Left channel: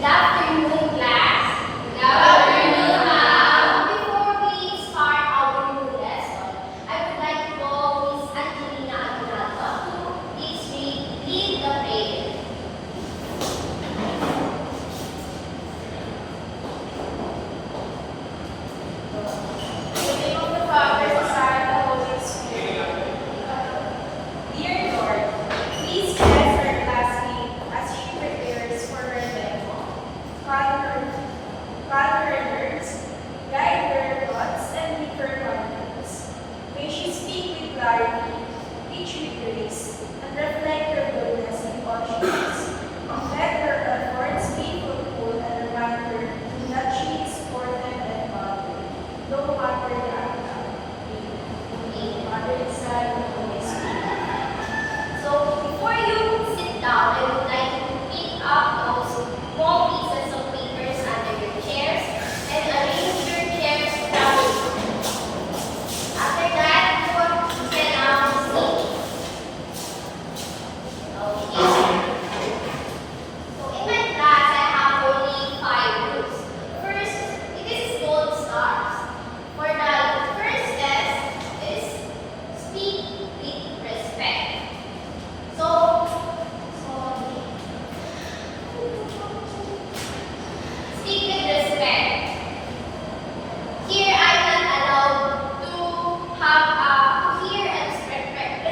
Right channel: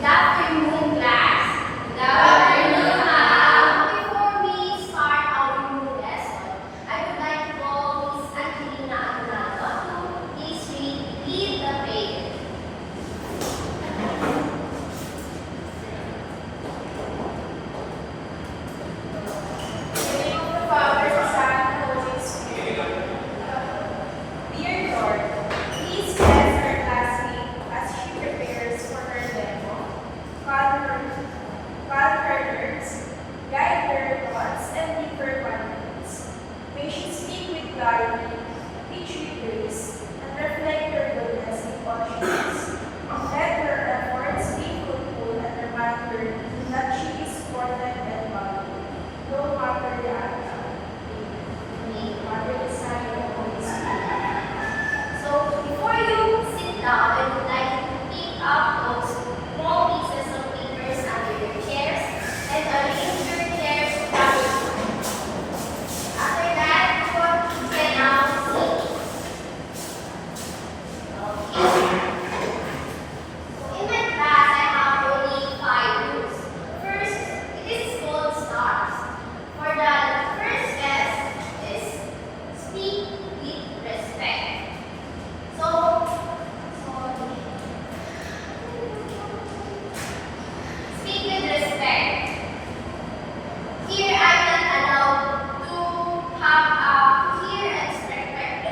Good afternoon, class. Good afternoon, ma'am. Before we start our new lesson, I would like to call Miss Angelina Aguinaldo to please lead the prayer. In the name of the Father, the Son, and the Holy Spirit. Dear Lord, please bless our classmate as she prepares for her demo. Calm her nerves, guide her thoughts, and give her confidence. May she speak with clarity, teach with grace, and reflect your goodness in all she does. Let her efforts be fruitful and remind her that she is important and valued, no matter the outcome. Amen. Father, the Son, and the Holy Spirit. So, before you sit down, I would like you to pick up those small pieces of papers under your chairs and arrange your chairs properly. After that, you can now sit. Okay. So, in my class, I have only 5 rules. First, it is called stars. For the first test is speak with respect. So, speak with respect. Here, I'm not allowed to have a clear and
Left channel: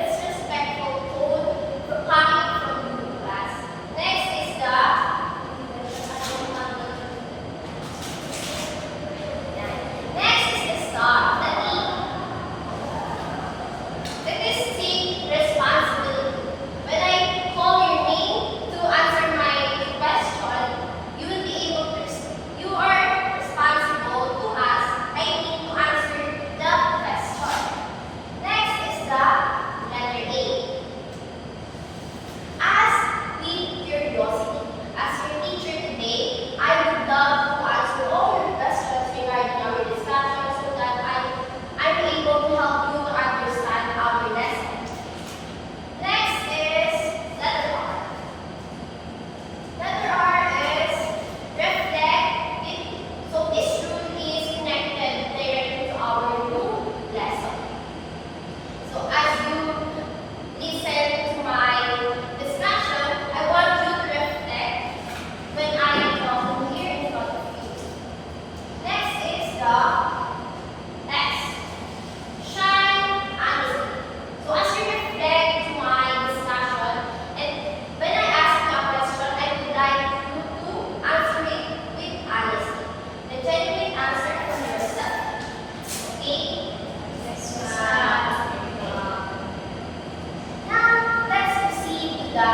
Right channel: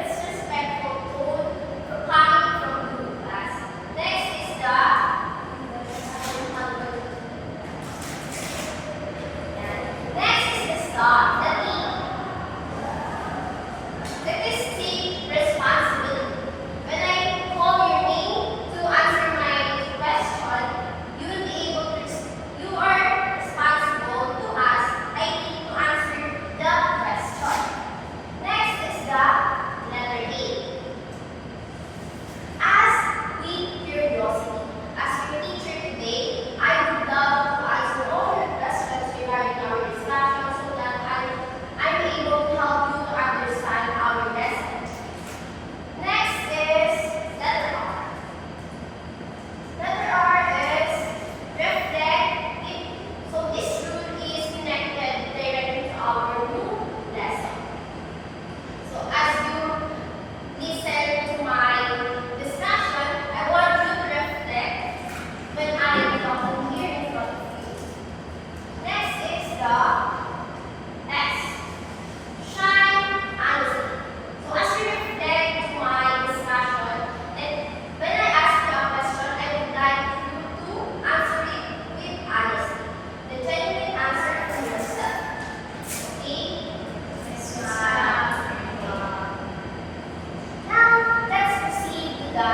respectful tone coming from you, class. Next is the star, the name. Let us take responsibility. When I call your name to answer my question, you will be able to. You are responsible to ask. I need to answer the question. Next is the letter A. Ask with curiosity. As your teacher today, I would love to answer all your questions regarding our discussion so that I'm able to help you to understand our lesson. Next is letter R. Letter R is reflect. So this rule is connected directly to our new lesson. So as you listen to my discussion, I want you to reflect when I am talking here in front of you. Next is the S. Shine honestly. So as you reflect to my discussion, and when I ask you a question, I would like you to answer it with honesty. The genuine answer from yourself. Okay? Now, let's proceed to the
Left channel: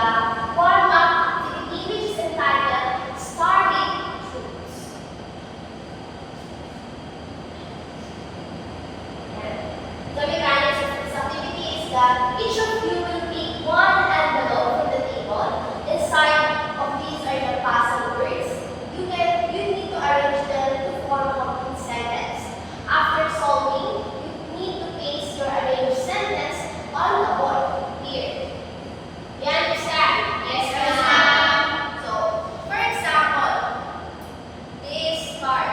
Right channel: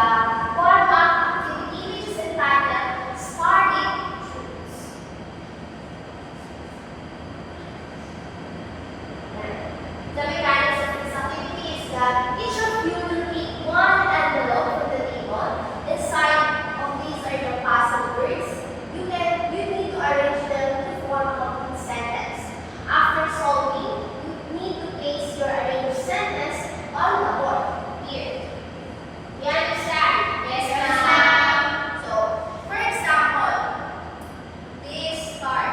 warm-up activity which is entitled Starting Truths. The mechanics of this activity is that each of you will pick one envelope from the table. Inside of these are the puzzle words. You need to arrange them to form a complete sentence. After solving, you need to paste your arranged sentence on the board here. You understand? Yes, ma'am. So, for example, this card.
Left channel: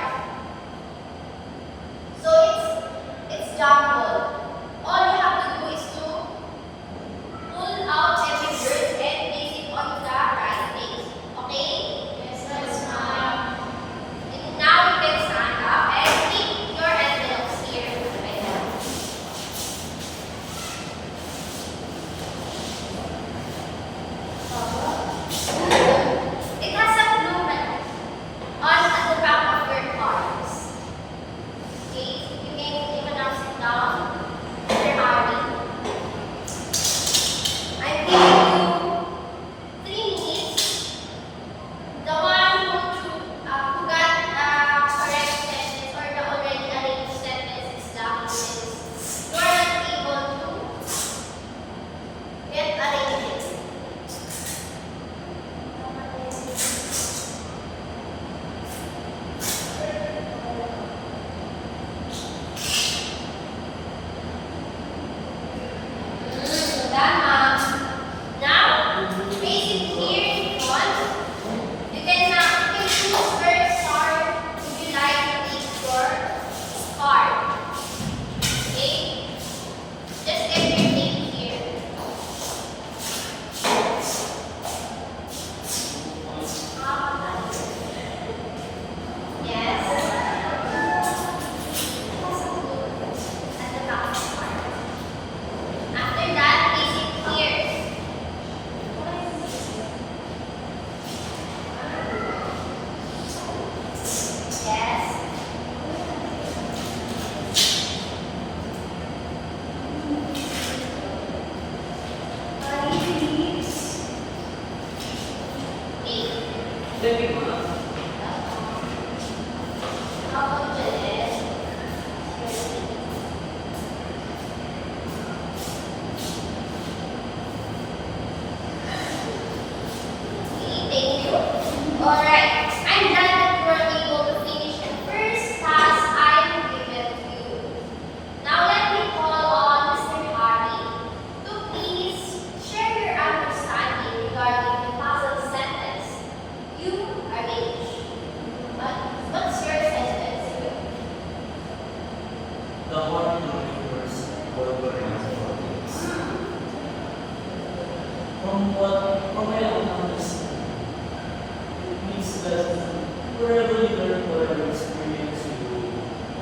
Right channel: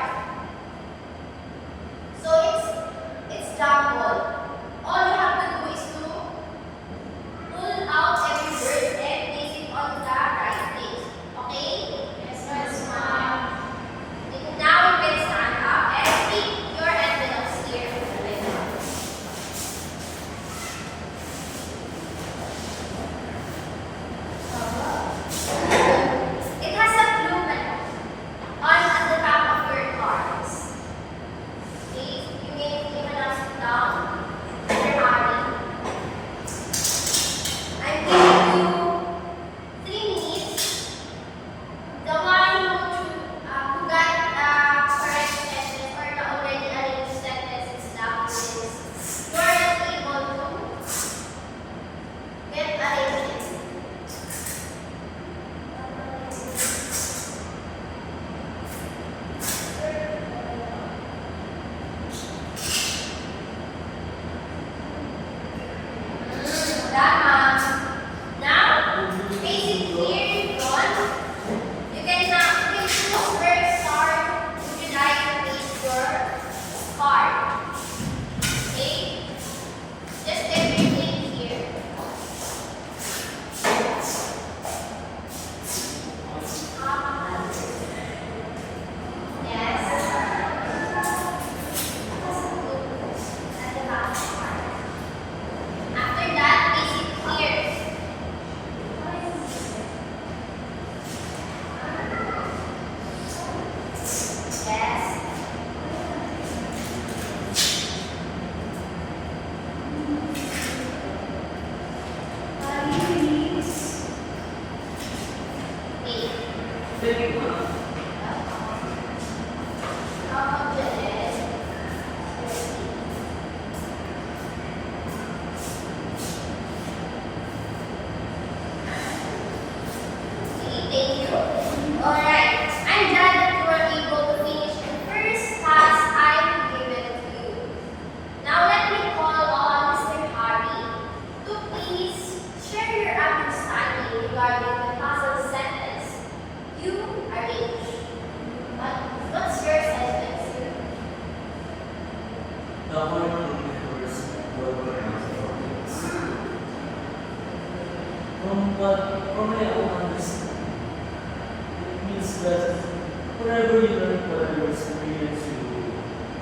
So it's jumbled. All you have to do is to pull out every word and place it on the right place. Okay? Yes, ma'am. And now you can stand up and stick your envelopes here. Like that. It has a blue button on the back of your cards. Okay? You can now sit down.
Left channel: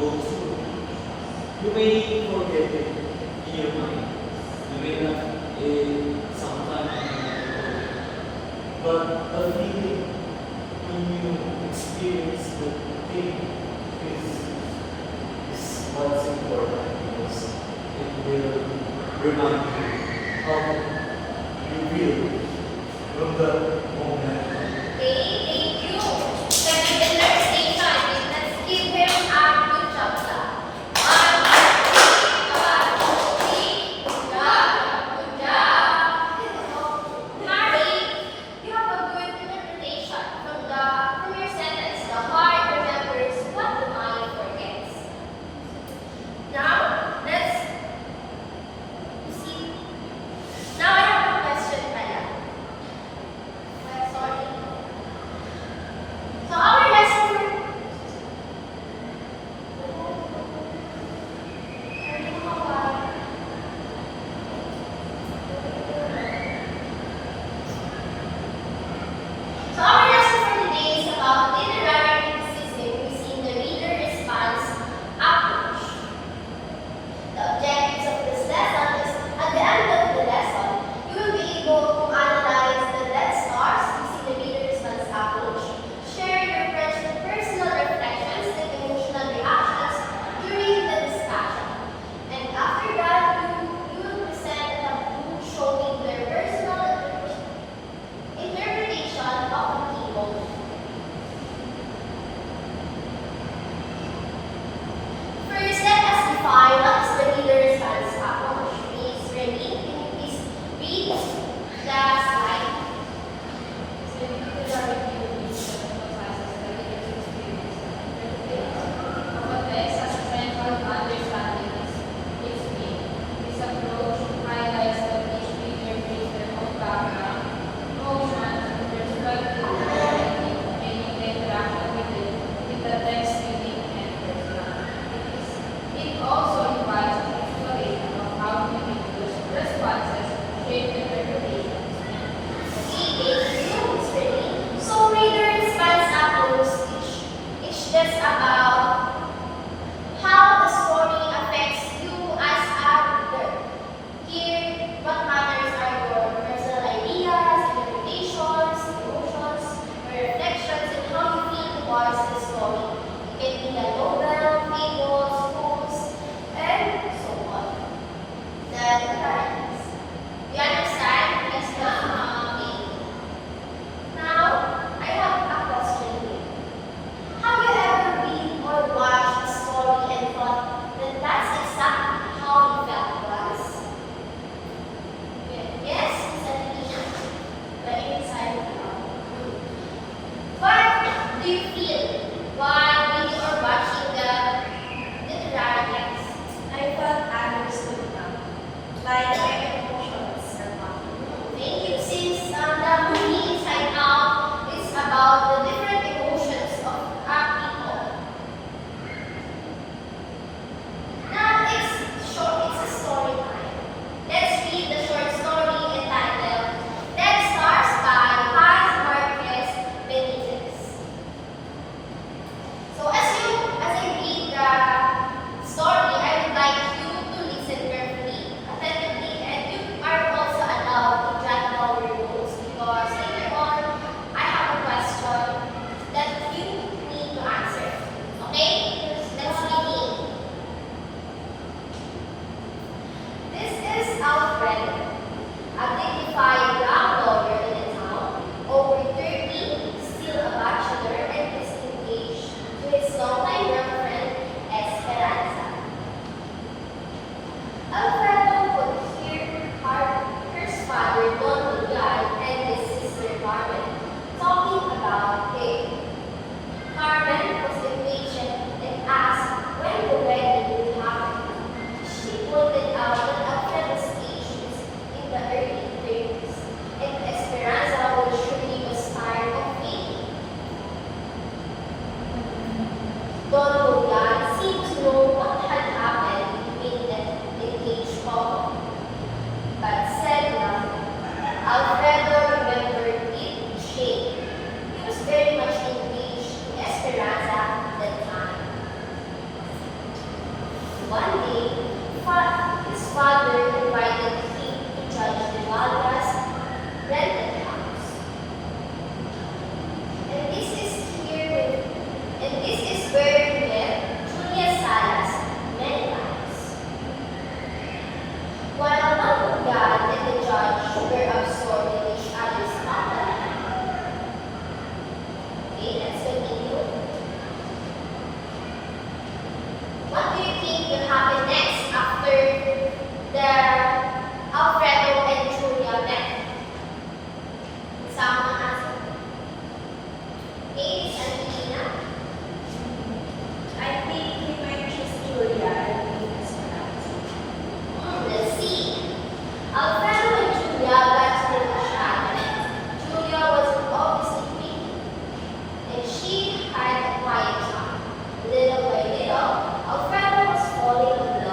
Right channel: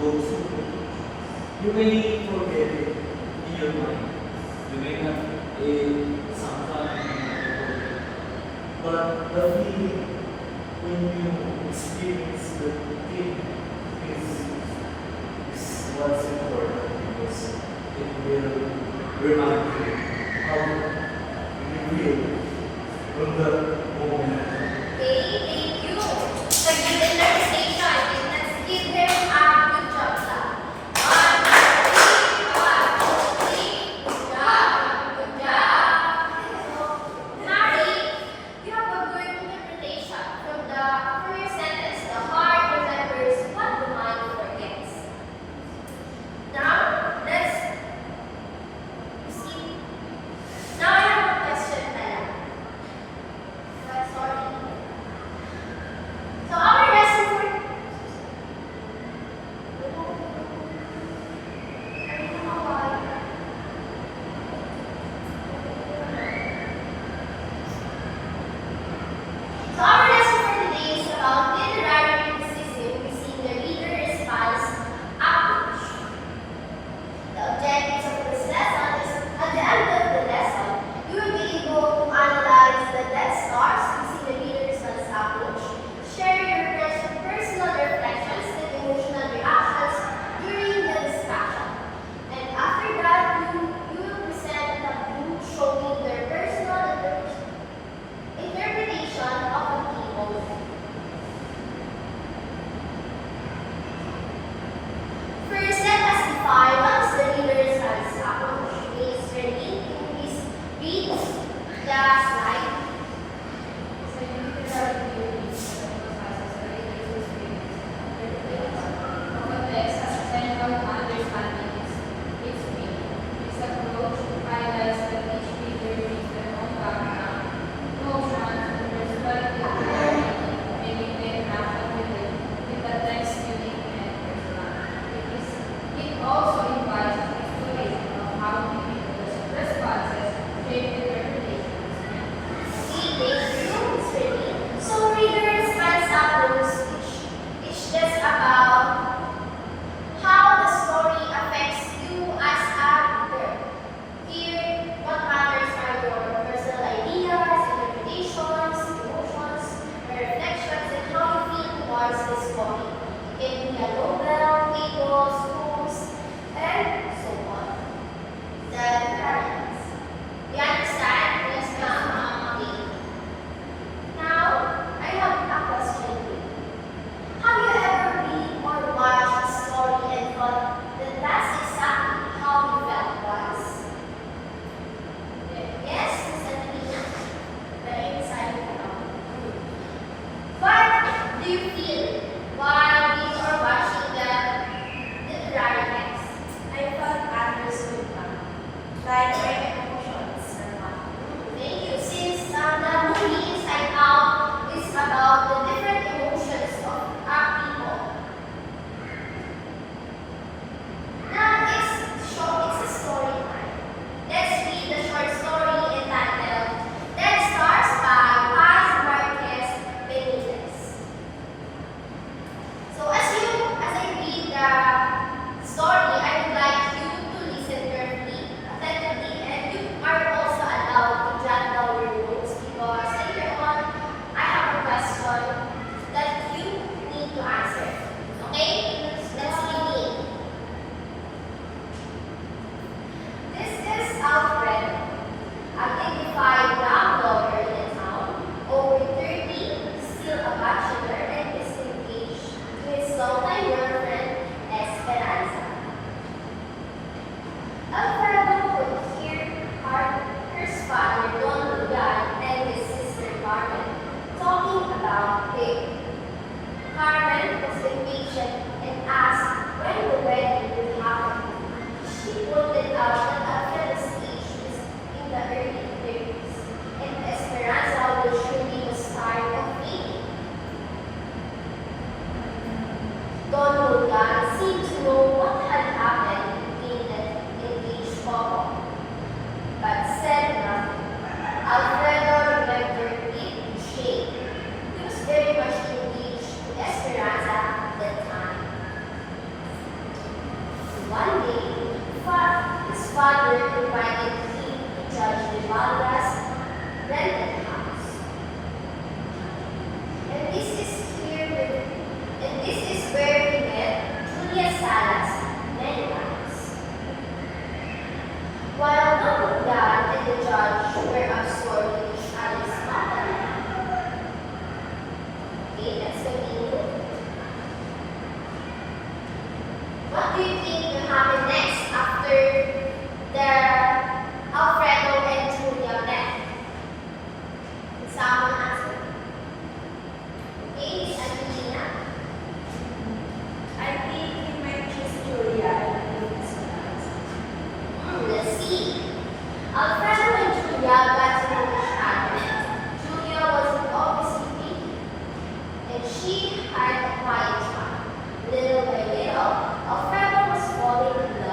Also, you may forget it in your mind. You may not sometimes you may not forget. But the feeling when you experience the thing is what's important because it will remind you how you feel from the moment. Okay, thank you. For the interpretation, let's give him a good job, sir. One, two, three. Good job. Good job. Mary, you have a good interpretation from your sentence. The heart remembers what the mind forgets. Now, you see, now I have a question pala. Sorry. So our lesson for So our lesson for today is about literary criticism using the reader response approach. The objectives of this lesson is at the end of the lesson, you will be able to analyze the death stars using the reader response approach, share your personal reflections and emotional reactions during the discussion. And after that, you will present a book showing their personal interpretation of a key moment. First, let us define what is the reader response approach. Ms. Remy, can you please read the slide? So you need to learn to reach and emphasizes the reader's experience and interpretation of a text as a central to understanding its meaning. This approach highlights that each reader brings their own background, emotions, and perspective to the writing, making the interaction with the text unique and personal. It also invites exploration of how individuals' responses shape interpretations and Sala's many lines. While Marinelle and the judge were absorbed in each other's company. Okay, let's continue. What do you think will happen next after the Alfredo and Julia met? Someone answer? Okay, Miss Angelina. I think he might choose Julia and be his wife. Let's see. Alfredo and Julia got to know each other. Julia was obviously pretty, and she had a quiet charm. Little by little, Alfredo was falling in love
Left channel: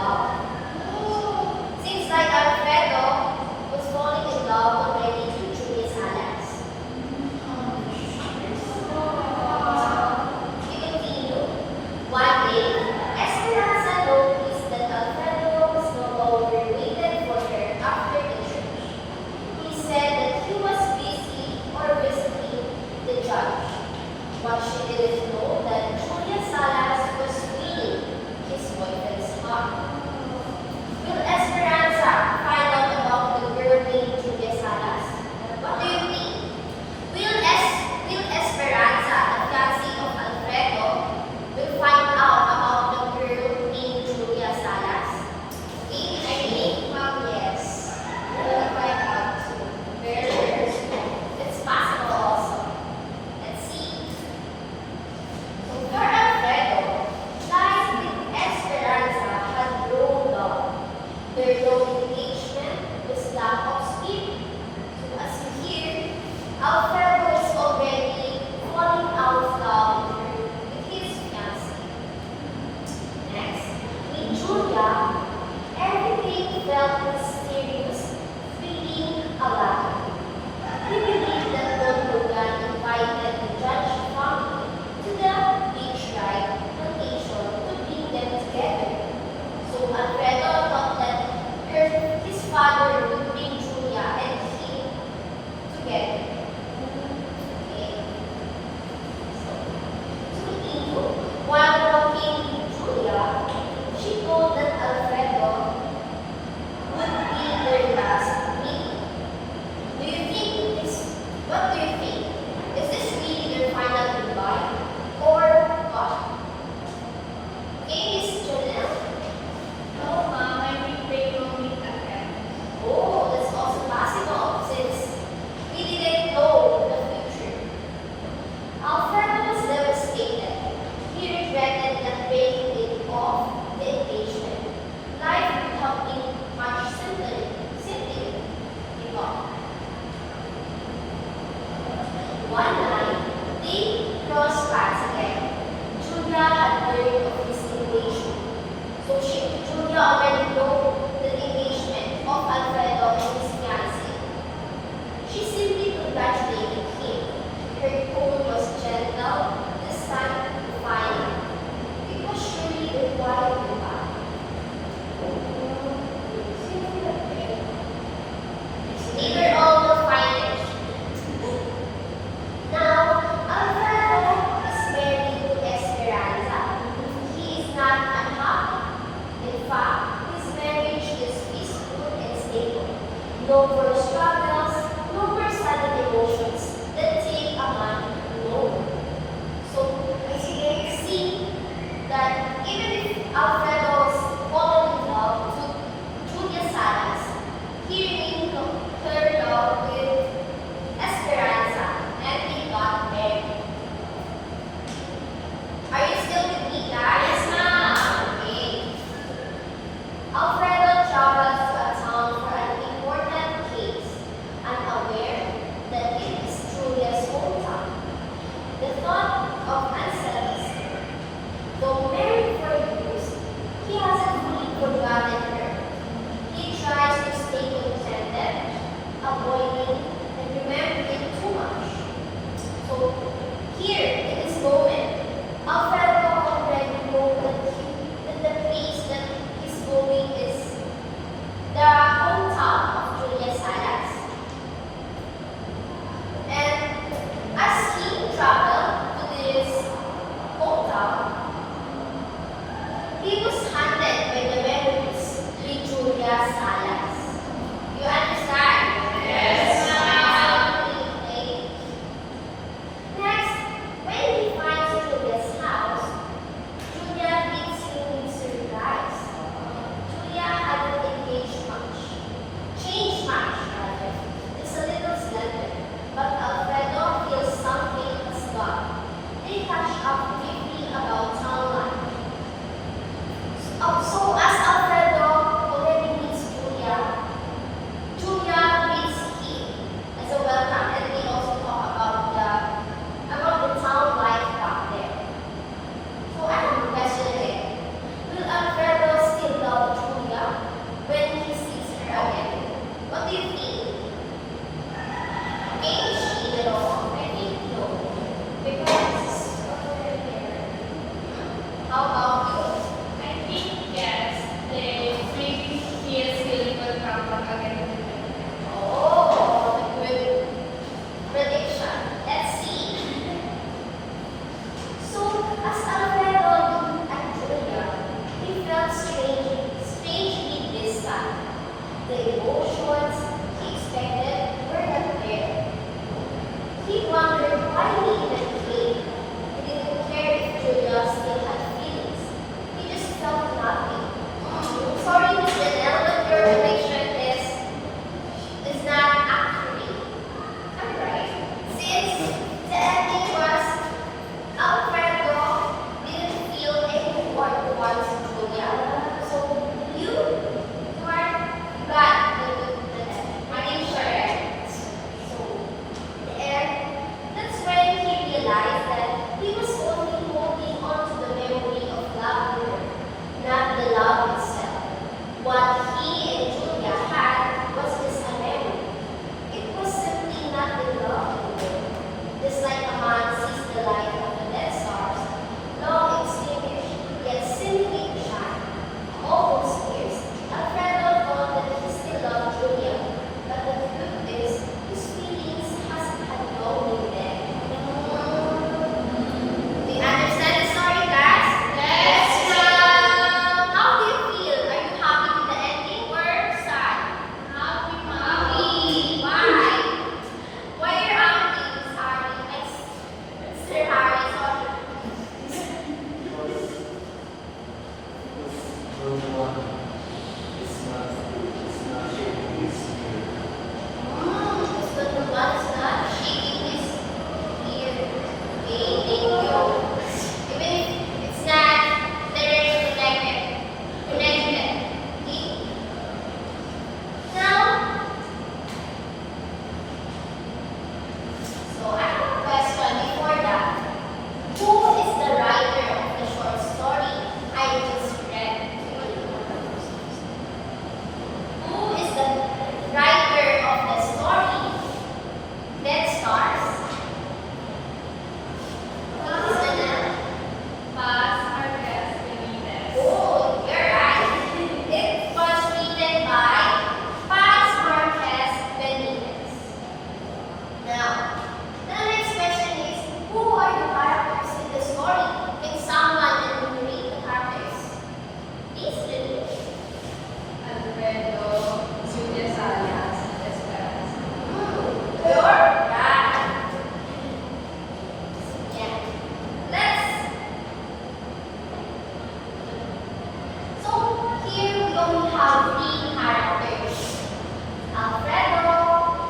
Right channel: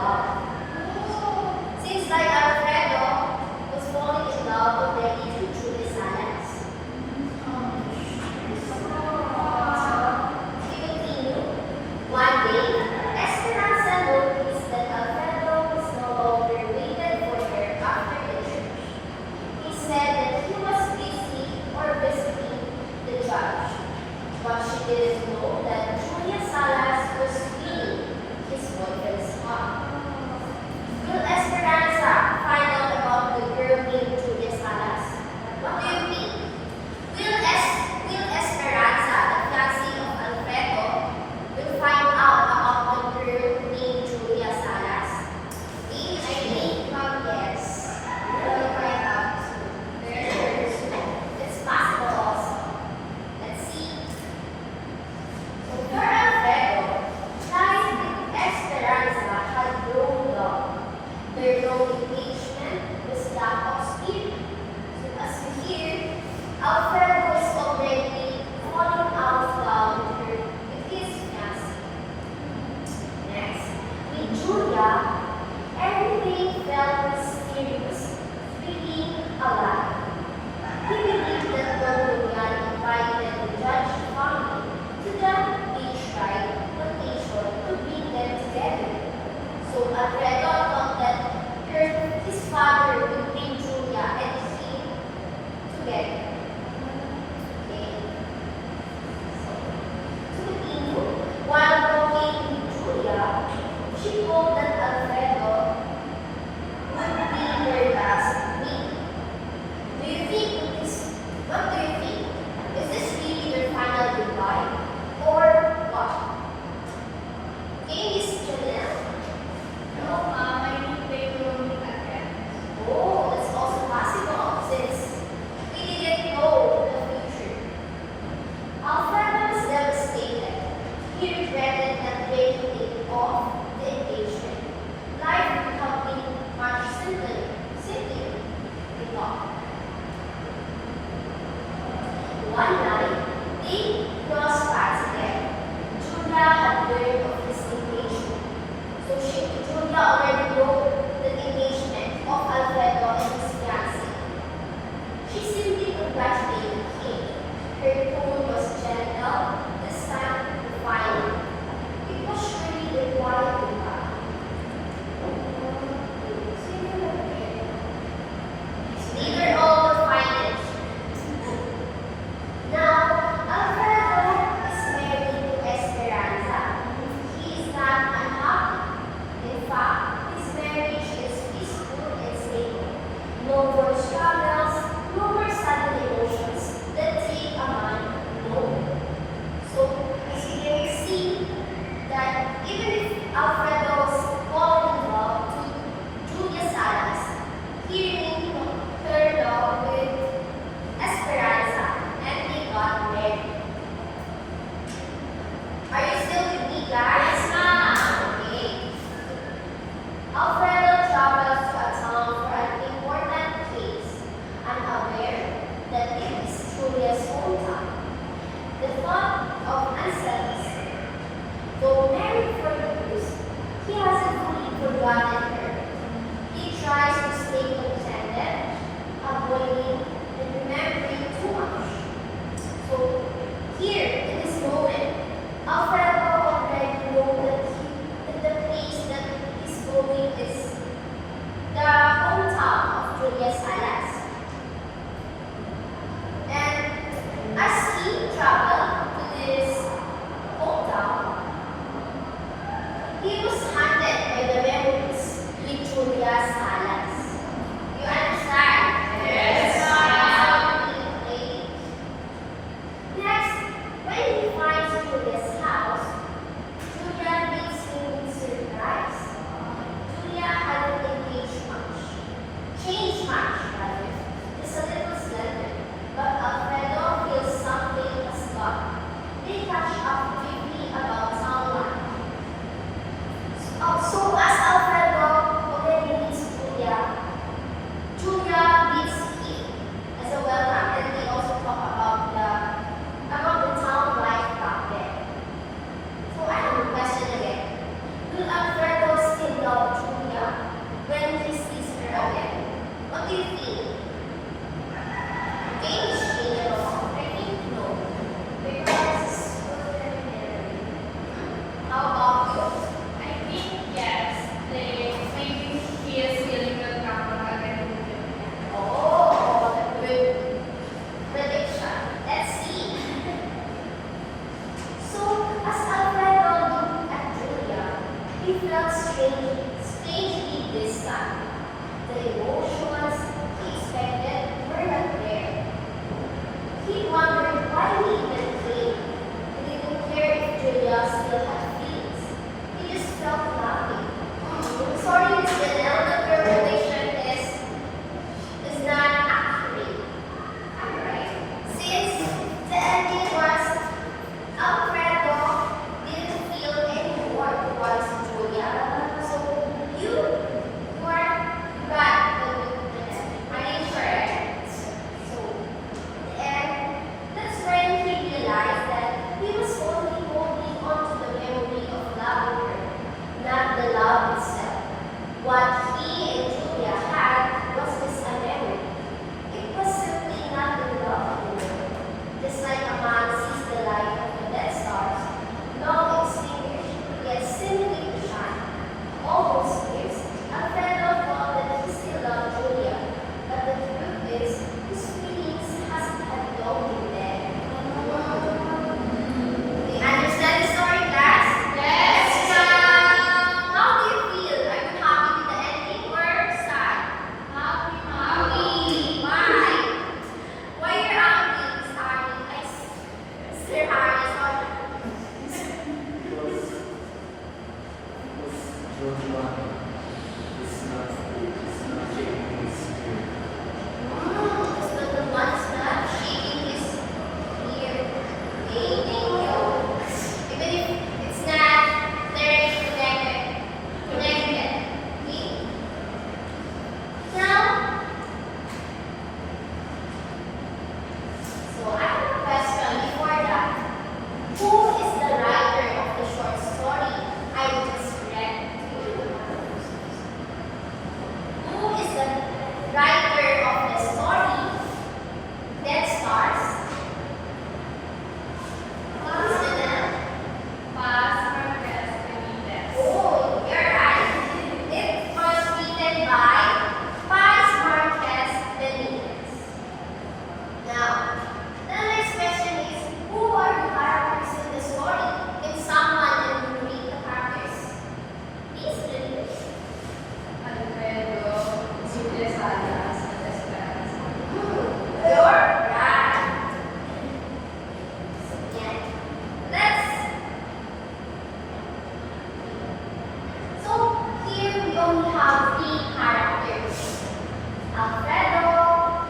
he was haunted by the memories with Julia Salas. You understand? Yes, Absolutely. Next, when he finds Julia's house, Julia meets him with surprise. Julia hadn't changed much rather, just a little slender, but Alfredo feels something has gone. They catch up briefly about town life. So as Alfredo already meets Julia, Julia meets him as a welcome, and they also talk about the town life back there. So I have a question again. Will Alfredo still love Julia when he sees her again? What do you think? Maybe she will. I think no. Because how about you? I think yes. Maybe he is feeling will come back again. Oh, good prediction. Let's see. So, as Alfredo looked at Julia, he felt strangely distant. The emotions he expected were not there. He wondered why he even came. He didn't care if Julia still had feelings. He just felt nothing. Sorry, Miss Janelle, but your prediction is not accurate. I'm right. Since the ending was Alfredo didn't feel any more towards Julia. So you were glad the ending. I mean, correct. So and that's when he realized that he was only holding on to the memory of loving her, not the love itself. What he and Julia had was just a memory. It was simply not the love anymore. Just like a man sees the light of the dead stars, long extinguished, yet simply to shine. All those years, Alfredo thought that he still loved Julia, but the truth is, his feelings had no meaning. Do you understand the story, class? Yes, Now, how do you feel? Are you happy with the ending or sad? Happy, Happy. Why? Why are you happy, Miss Harry? Sir Harry, sorry. Because the one is not shaking his spirit. Because the one is not shaking his ear. Okay, thank you. Even if it's not directly connected. Connected. Okay? Now, so I have a question before that. Who is the writer of the short story I just read to you? Who is the writer of the story Dead Stars? Miss Janelle? Paz Marquez Benitez. Oh, you're right. It was written by Paz Marquez Benitez. Now, the next question is, who are the characters in the story? Can someone enumerate the characters? Please read it. Alfredo, Julia Salas, and Esperanza. You're right. Yeah. So here we only have three characters. Alfredo,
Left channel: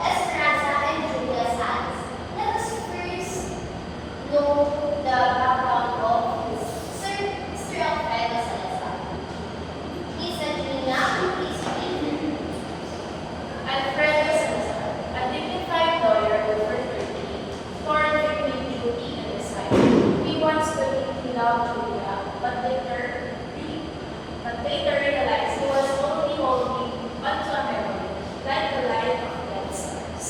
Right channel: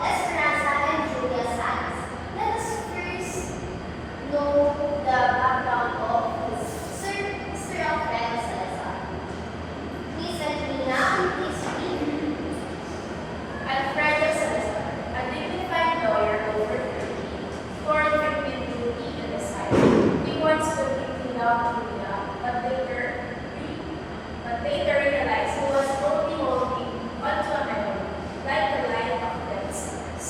Esperanza, and Julia Salas. Let us first know the background of Mr. Alfredo Salazar. Miss Adrina, please read. Alfredo Salazar, a dignified lawyer over 30, torn between duty and desire. He wants to love Julia, but later realized he was only holding onto a memory, like the light of dead stars.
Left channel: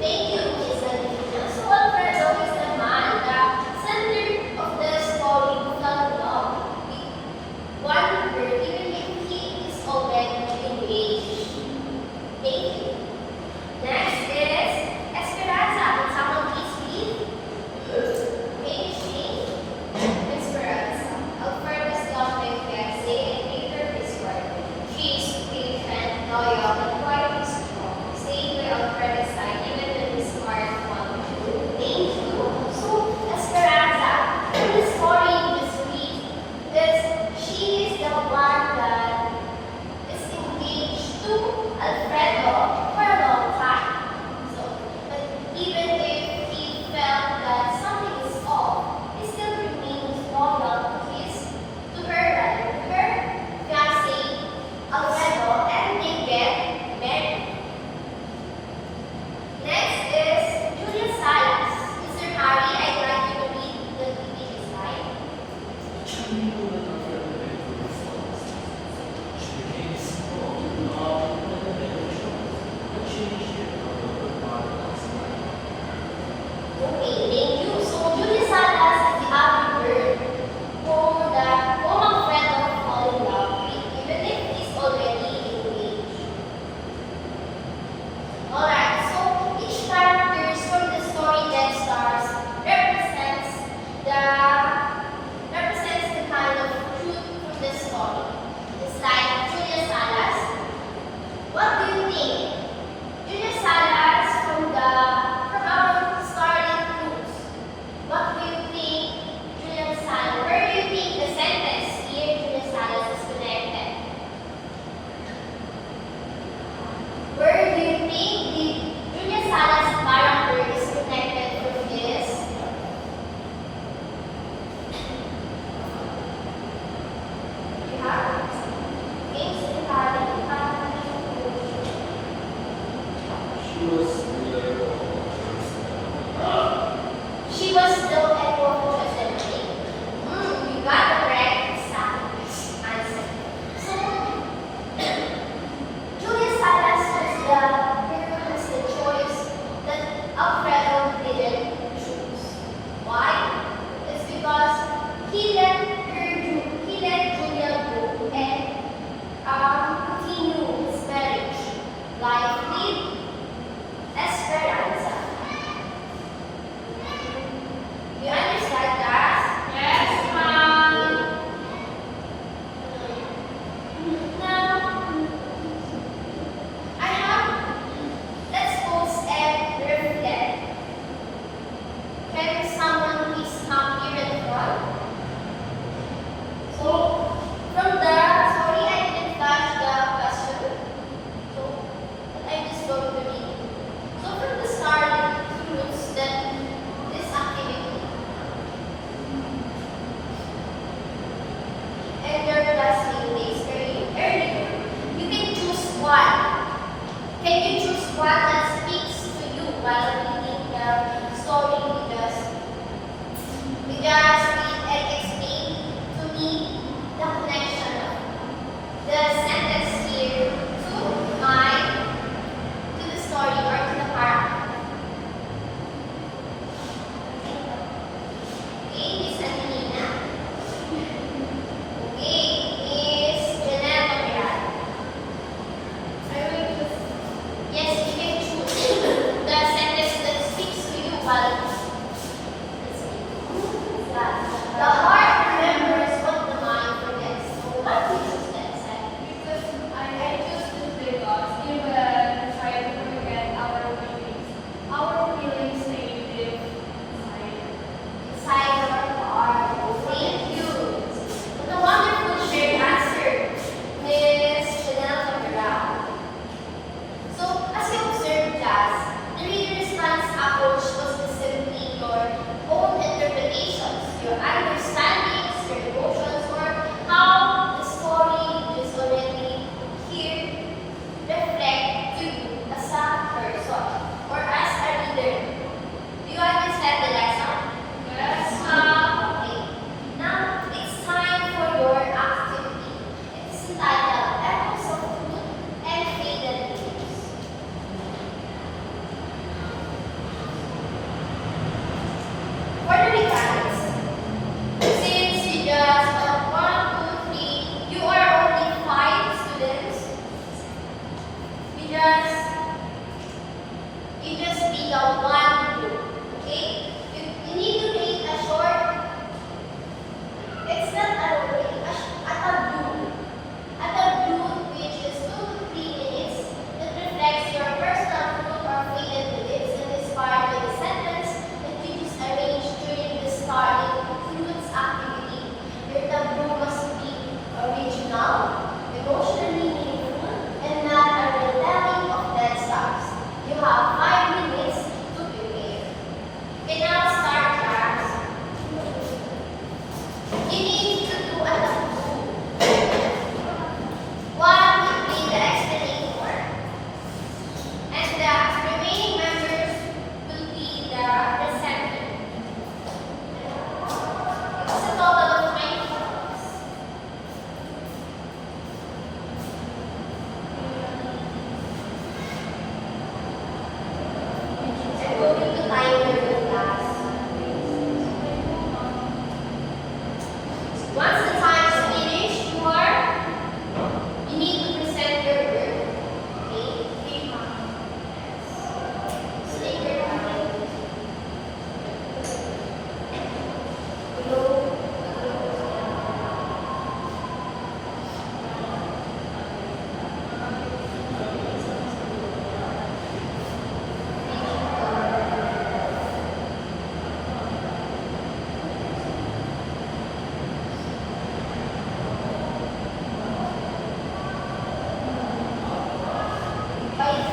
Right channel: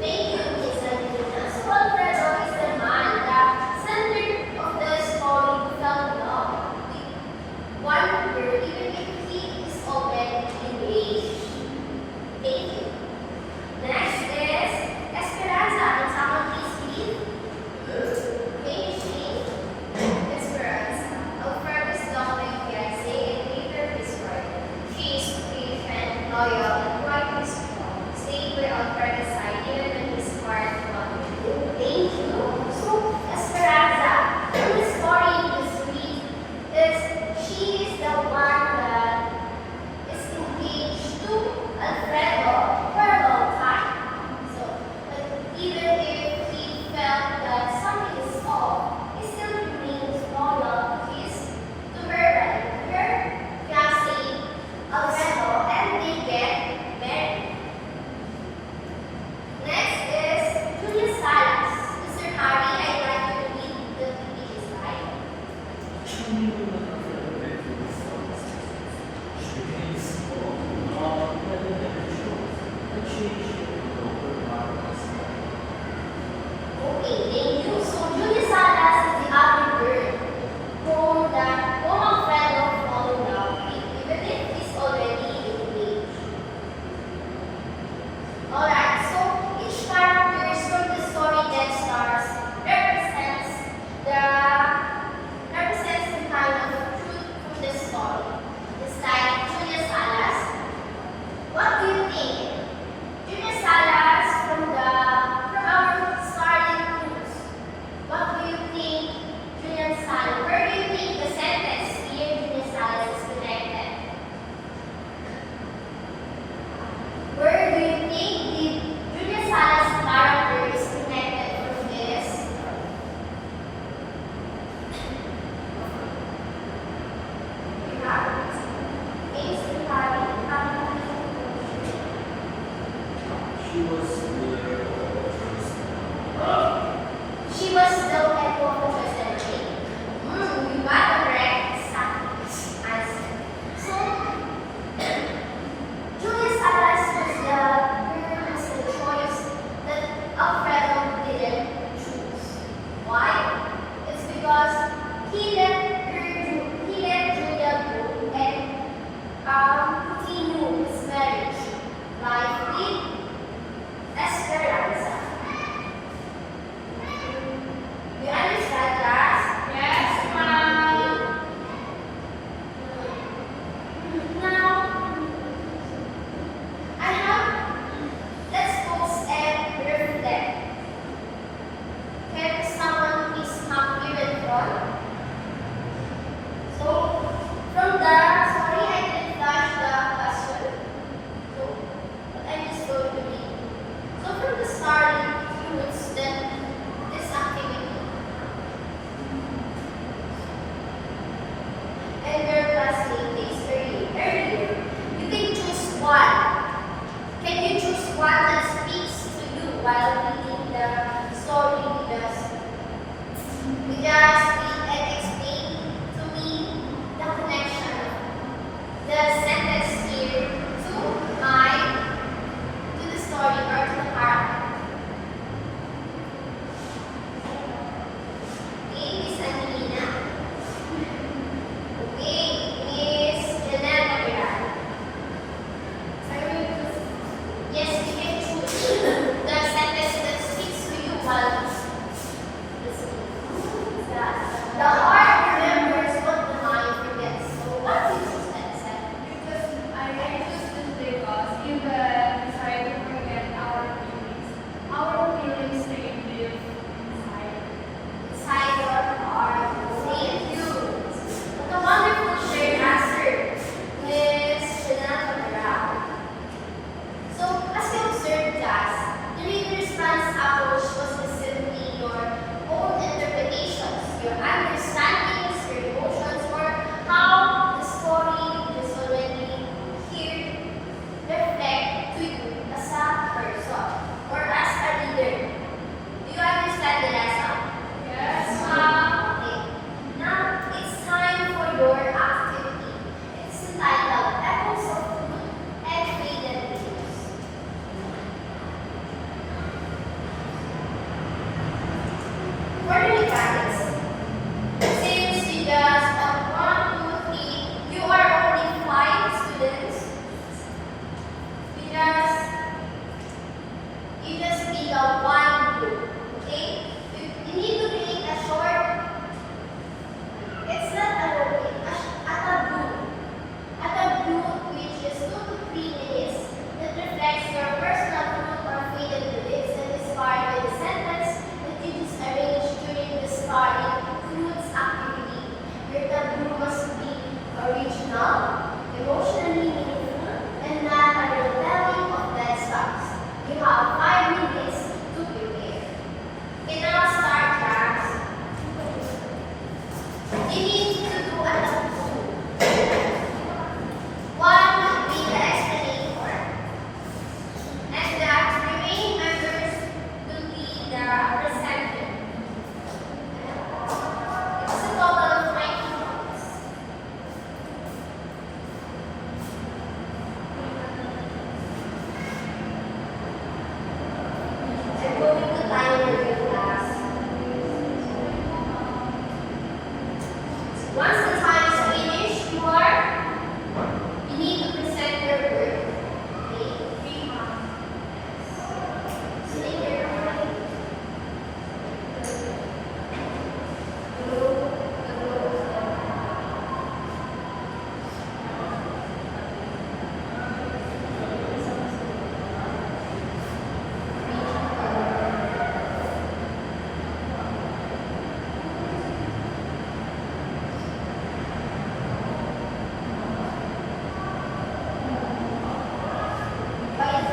Thank you, Miss Adrina. So Alfredo is the man, the center of the story who fell in love with one girl, even if he is already engaged. Thank you. Next is Esperanza. Can someone please read? Finish me. Esperanza. Alfredo's love life She is the one that is engaged to Alfredo for a long time. So, but even if he felt that something is off, he still remains loyal to her, rather, to her fiancé, Alfredo, and they get married. Next is Julia Salas. Mr. Harry, I'd like you to read the PPT slide. Actually, when Alfredo went to the forest, she became small, not never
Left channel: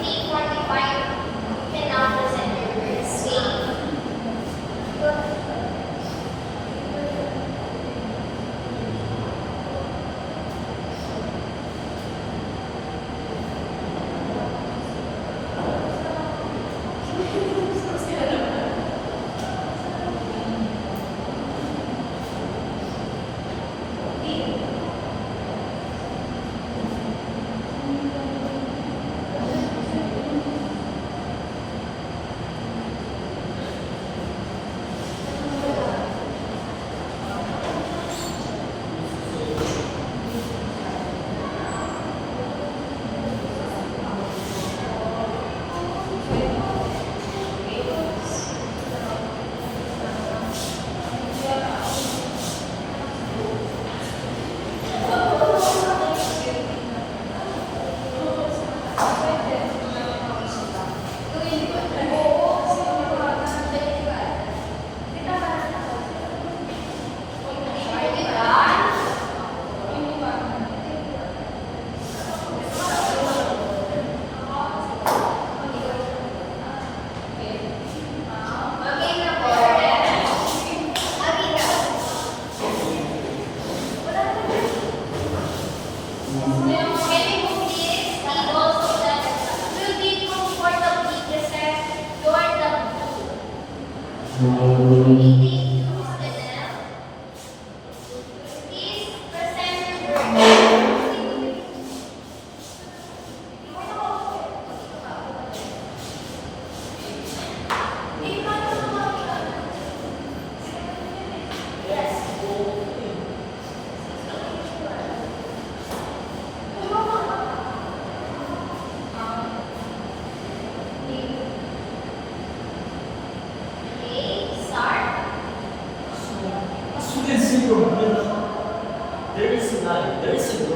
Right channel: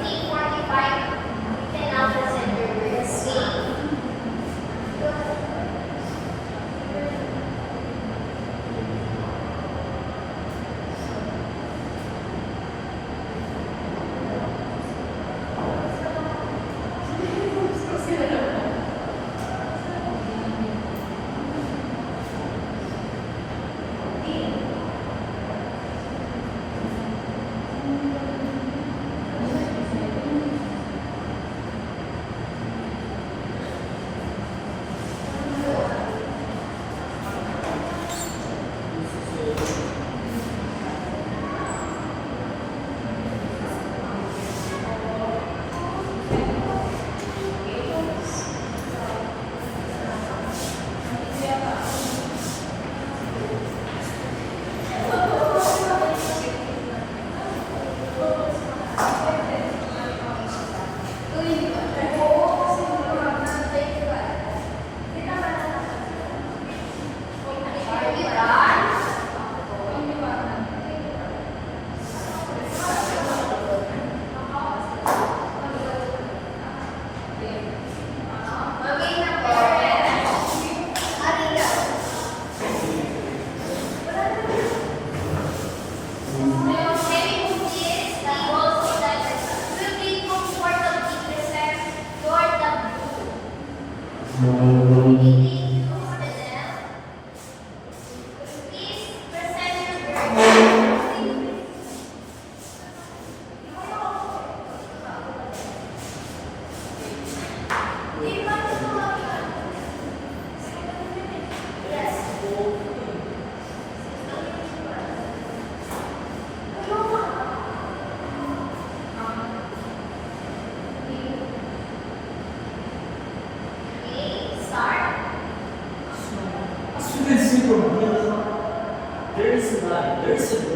3:45. You can now present your words. Are you done? Okay na po. Arina. Can you move this table so that you will be comfortably present your taboo? Meeting you, Marinelle. Please present your Yes. Okay, start. As you can see from here, there is a